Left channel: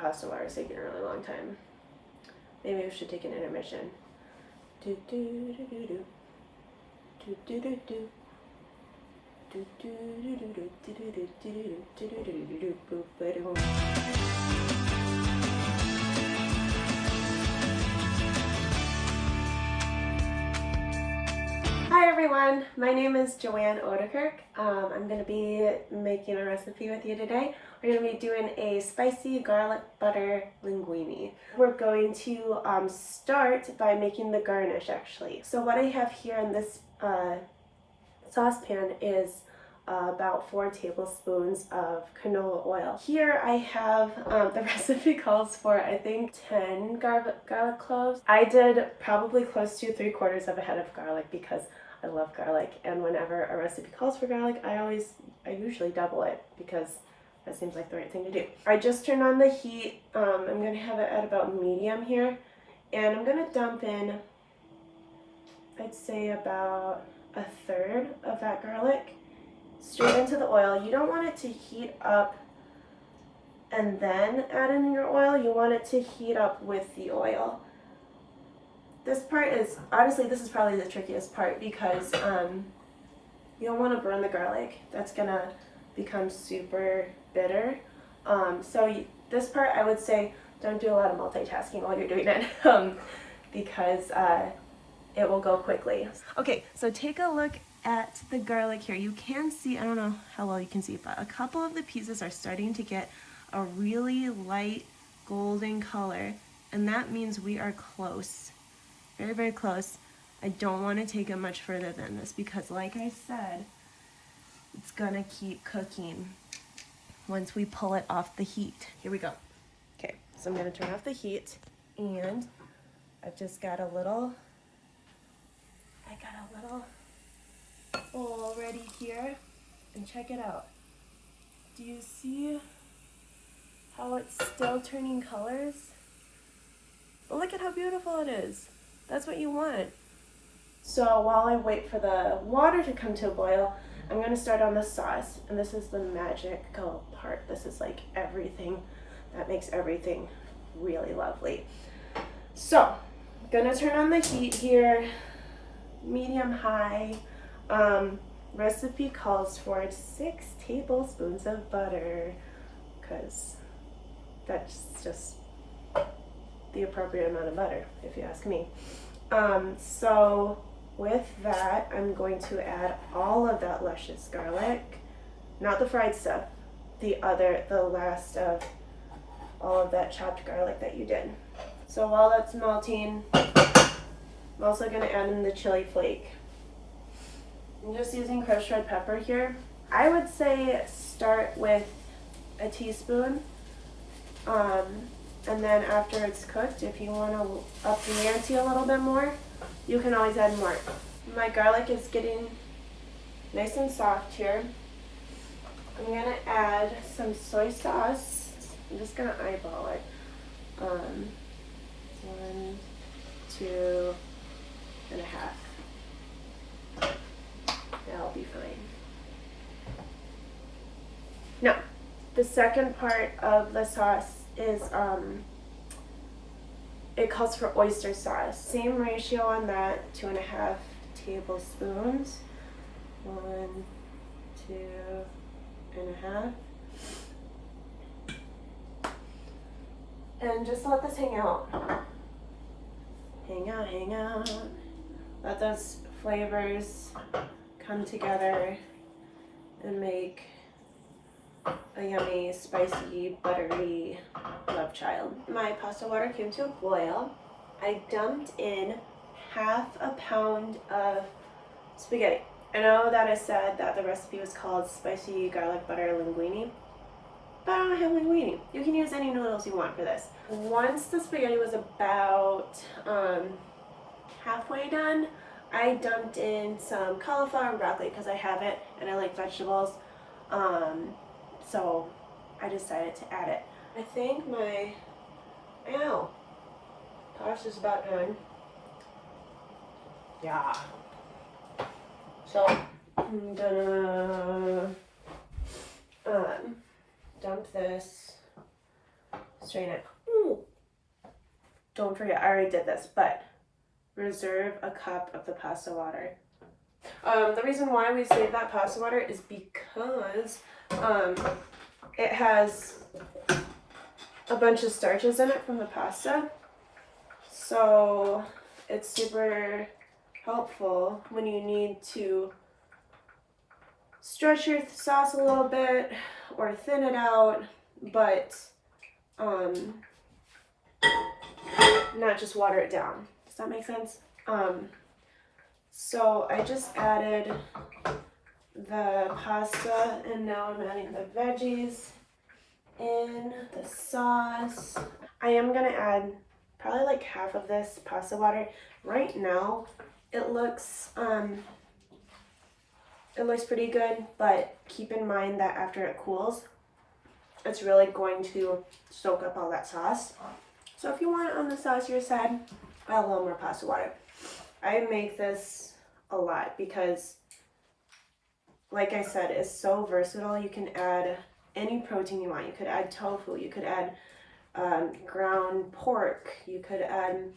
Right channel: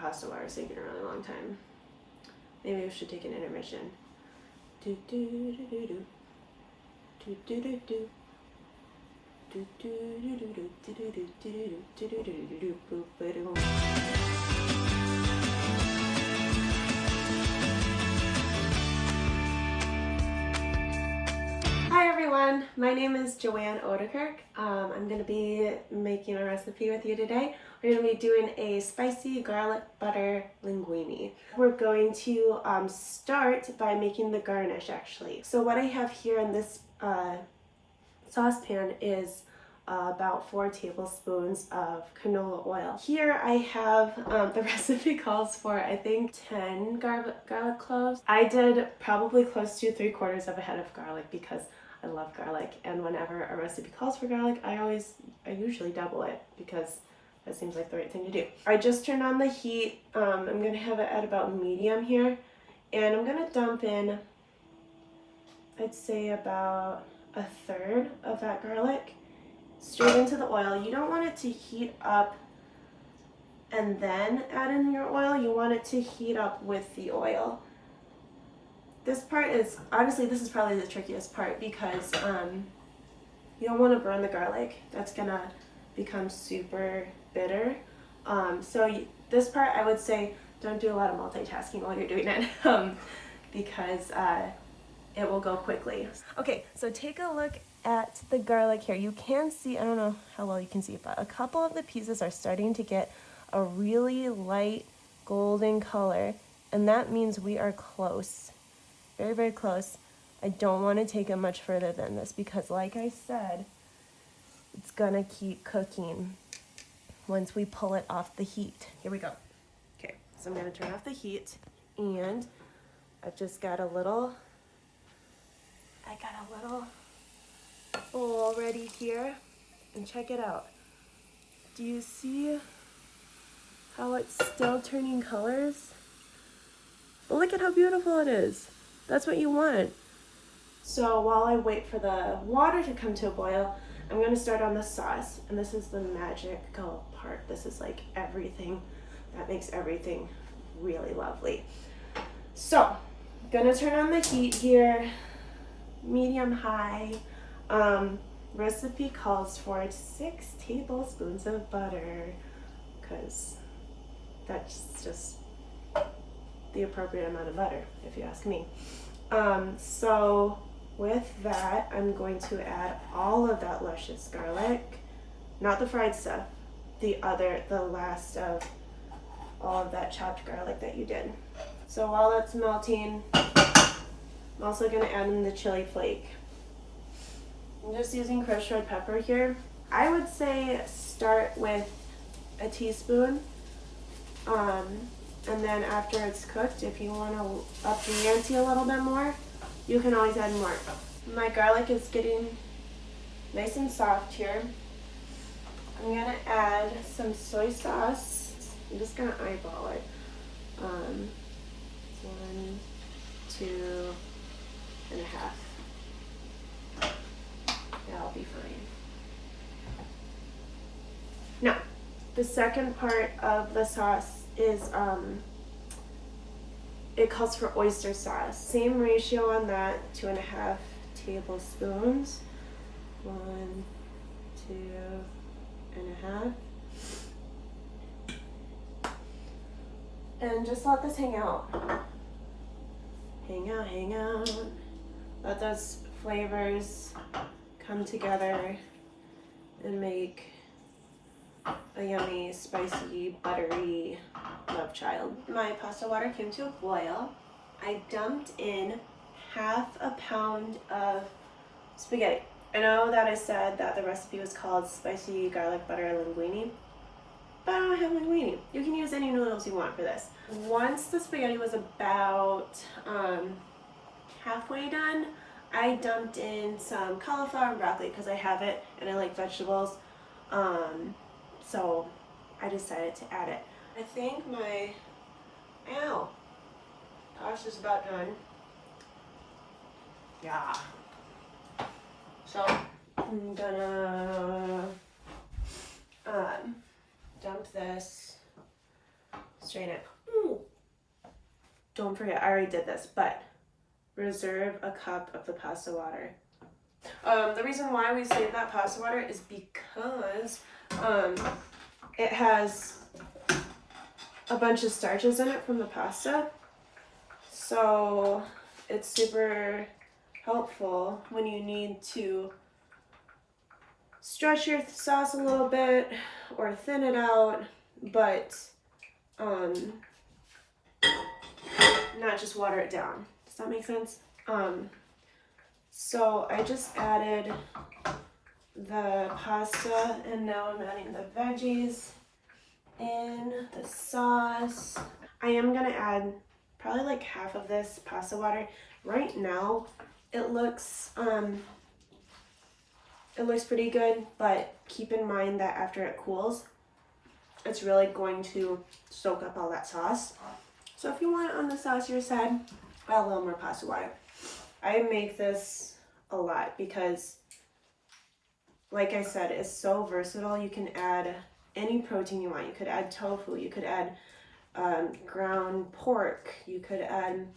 pasta water is taking a really long time. Maybe we should take an intermission. Do do do do do. Do do do do. Do do do do do do do do do do do do do do do. Hi everyone, my name is Joann Oudekerk. I'm going to be making a recipe with you today. We're going to be doing a spicy garlic butter linguine. We're going to start by making the garnish actually. So what I have here in this saucepan is about 4 tablespoons of canola oil. Here I have, the recipe calls for I think 10 garlic cloves. I did probably close to 3/4 of a head of garlic because I love garlic, and whenever a recipe calls for garlic, I usually double it because that seems like the right thing to do. I just turned on the heat. I'm going to have it at about medium here, and I'm going to dump in, I'd say about 1/3 of that garlic straight into the oil. You don't want it to heat up and then add in your oil. You want it to heat up with the oil. This part is, honestly, this is probably the trickiest part because you don't want to burn the garlic. That's going to become super bitter. This part, I would say, don't do a lot of multitasking while you're doing it because it will go quickly. Okay, so take a look at the garlic here. You can see, I don't know how well you can see, but a couple of the pieces are starting to get a really light golden color, and that means we are close. Very, very close. I don't want to take it much further than this because, like I said, it's gonna keep cooking once we pull it off the heat. Here we go. Okay, so I'm gonna turn off the heat, and I've just got a little bowl ready here, and check it out. Do you see how it's still turning colors? Look at how beautiful it is. That's what you want. So while I wait for the water to come to a boil, I'm going to start on the sauce. And this is the magical part. This is like everything that makes everything really lovely. So I'm going to turn on the heat here, medium high. Recipe calls for 6 tablespoons of butter because that's just the appropriate amount of butter, if you ask me. So with that, I'm going to add all of that luscious garlic, not the fried stuff, the last of all of that chopped garlic that you did. So while that's melting, I'm also going to add in the chili flake. I'm just using crushed red pepper here. I would say start with a teaspoon. And then after it's cooked, if you want to up the ante a little bit more, you can always add more. My garlic is getting nice and soft here. I'm going to add some soy sauce. I'm just going to eyeball it. 1, 2 and a half. That'll be fine. Now, the second part of the sauce is it calls for oyster sauce. Same ratio on that, 2.5 tablespoons. 1, 2.5. And just let this hang out. Hang out. Let those flavors come together and make a yummy, spicy, buttery love child. My pasta water came to a boil. I dumped in 1/2 pound of spaghetti. I know that I said that the recipe was called spicy garlic butter linguine, but I don't have linguine. You can use any noodles you want for this. Once the spaghetti was about halfway done, I dumped in some cauliflower and broccoli because I have it and I like vegetables. So I decided to add it. I think my pasta is about done. Yeah. So I'm gonna dump this strain it. Ooh. Don't forget, I already did this, but reserve a cup of the pasta water. The reason why we save that pasta water is because it has a bunch of starches in it from the pasta. So it's super helpful when you need to stretch your sauce a little bit or thin it out, but not just water it down. Does that make sense? So I just added the pasta and now I'm adding the veggies in the sauce. I am gonna add probably like half of this pasta water. Right now it looks pretty good, but keep in mind that after it cools, it's really going to soak up all that sauce. So if you want it on the saucier side, add a little more pasta water. I make this a lot because, like I said, it's so versatile. You can add any protein you want. You could add tofu, you could add ground pork, you could add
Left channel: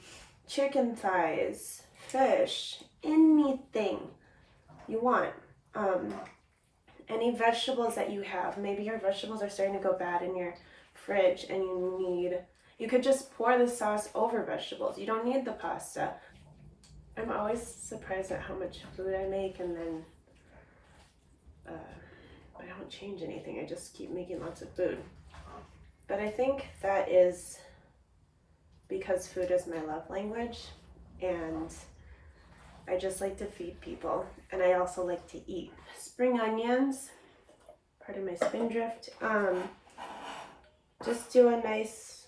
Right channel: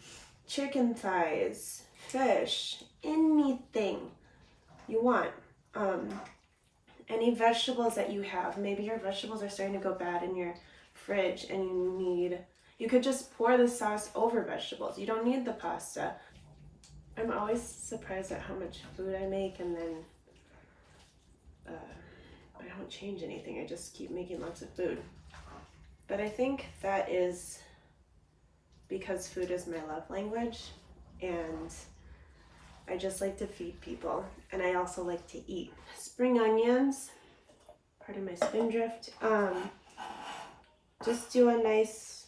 chicken thighs, fish, anything you want. Any vegetables that you have. Maybe your vegetables are starting to go bad in your fridge and you could just pour the sauce over vegetables. You don't need the pasta. I'm always surprised at how much food I make and then I don't change anything. I just keep making lots of food. But I think that is because food is my love language and I just like to feed people and I also like to eat. Spring onions, part of my spindrift. Just do a nice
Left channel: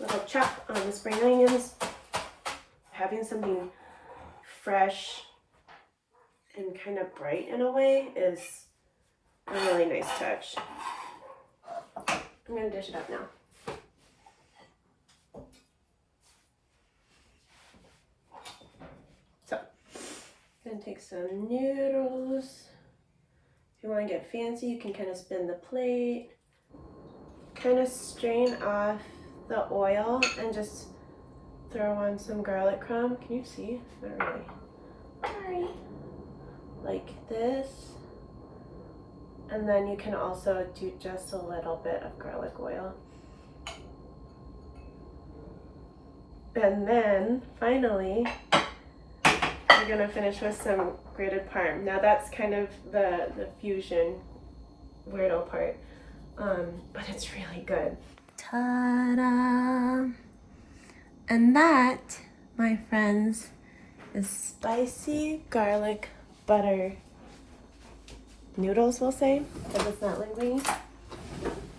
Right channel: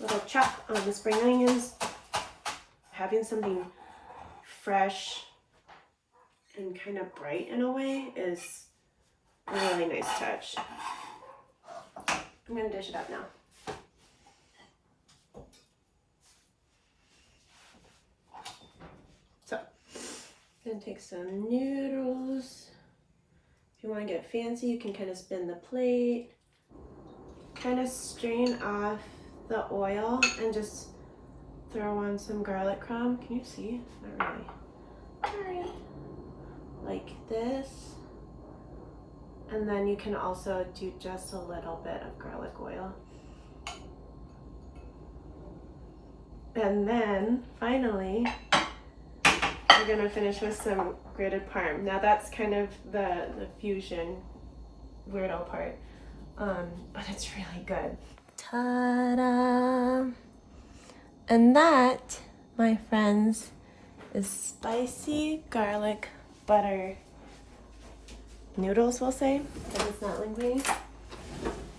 little chop on the spring onions. Having something fresh and kind of bright in a way is a really nice touch. I'm gonna dish it up now. So, I'm gonna take some noodles. If you want to get fancy, you can kind of spin the plate, kind of strain off the oil and just throw on some garlic crumb. Can you see? Not really. Sorry. Like this. And then you can also do just a little bit of garlic oil. And then finally, we're gonna finish with some grated parm. Now that's kind of the fusion weirdo part, but it's really good. Ta-da! And that, my friends, is spicy garlic butter noodles, we'll say, because it's not linguine.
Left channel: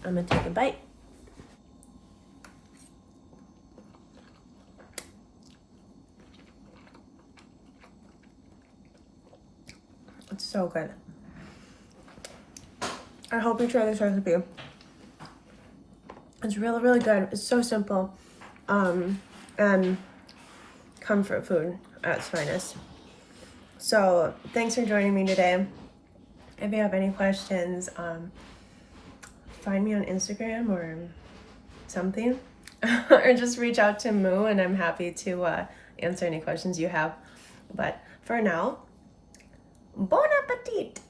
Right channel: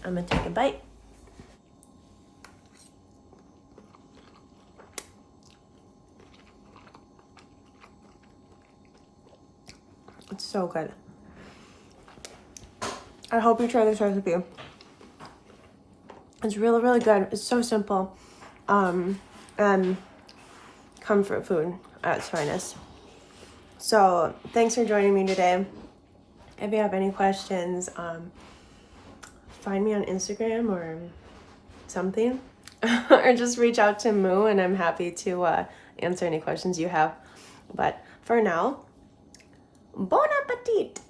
I'm gonna take a bite. It's so good. I hope you try this recipe. It's really, really good. It's so simple. And comfort food at its finest. So thanks for joining me today. If you have any questions, find me on Instagram or something. Or just reach out to Moo and I'm happy to answer any questions you have. But for now, bon appetit!